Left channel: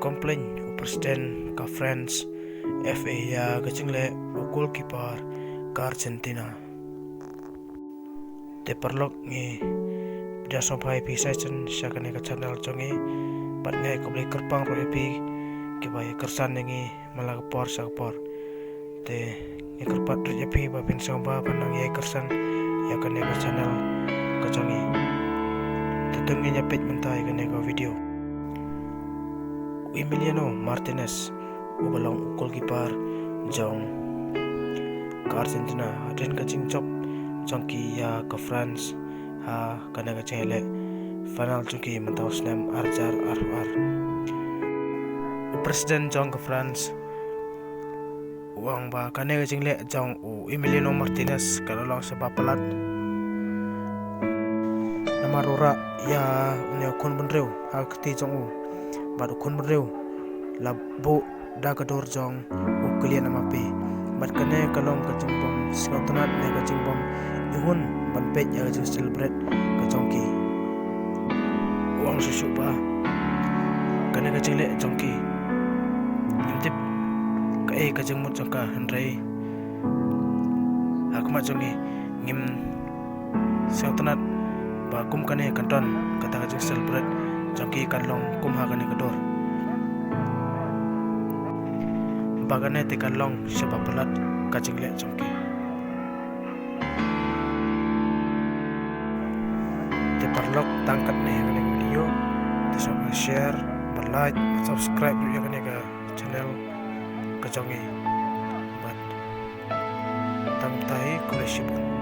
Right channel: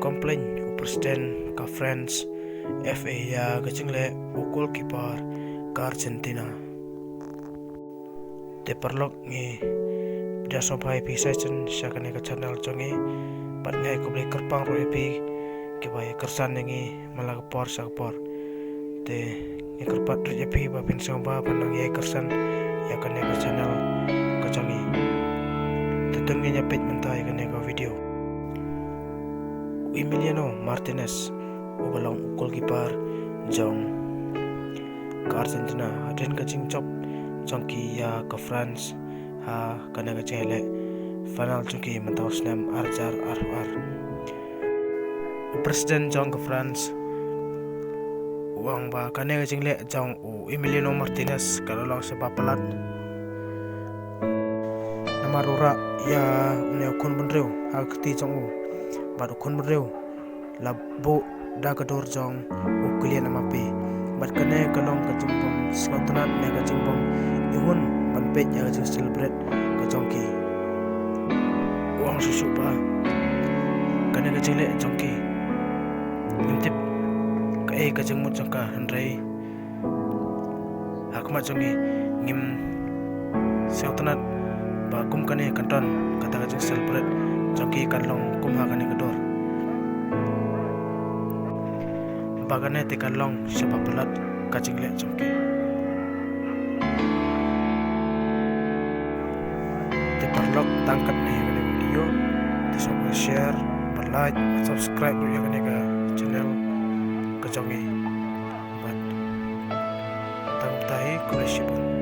complain u president ka France FA ya ka chingle u goalkeeper ka Argentina te parlok ngi dia sompai pi session syakane ka channel chongi pat ngai ko ble kerpang ro epi ke bai kersan ngi malag por sakpor te ngi kerpat ro epi ba pin samba panang ye kersan ya kane ka channel ka chongi te tengi nya page mentai kane ka video Emiliano Martinez ubalong goalkeeper jong ka Argentina aden ka chingchop jongki ya ka France ha kana ka chele final chungki mantaw snam arjar ar president jong ka France uang ba kana ka chingle jong Emiliano Martinez kalolong sa papalat namarura ya une kon bunreu ha kti jong baru kon bunreu labo da ka dor jong uklian amapi bat kane kalong ka jingbom skotnat ne ka jingbom ihun ban pet ya ka celebrate ka jongki uang susu ba kane ka jingle jongki nimtip ka ka jingmut jongka handrai hakma jongi ngim skotnat ba kum kane kanton kata ka celebrate jongki kanlong kum ha kane ka dor bagane tekan long siapa pelat kacing lek jongke te parlok tangkat ne kene video te sama share like subscribe ya kene ka channel ka jongi bat tam tai kulesipun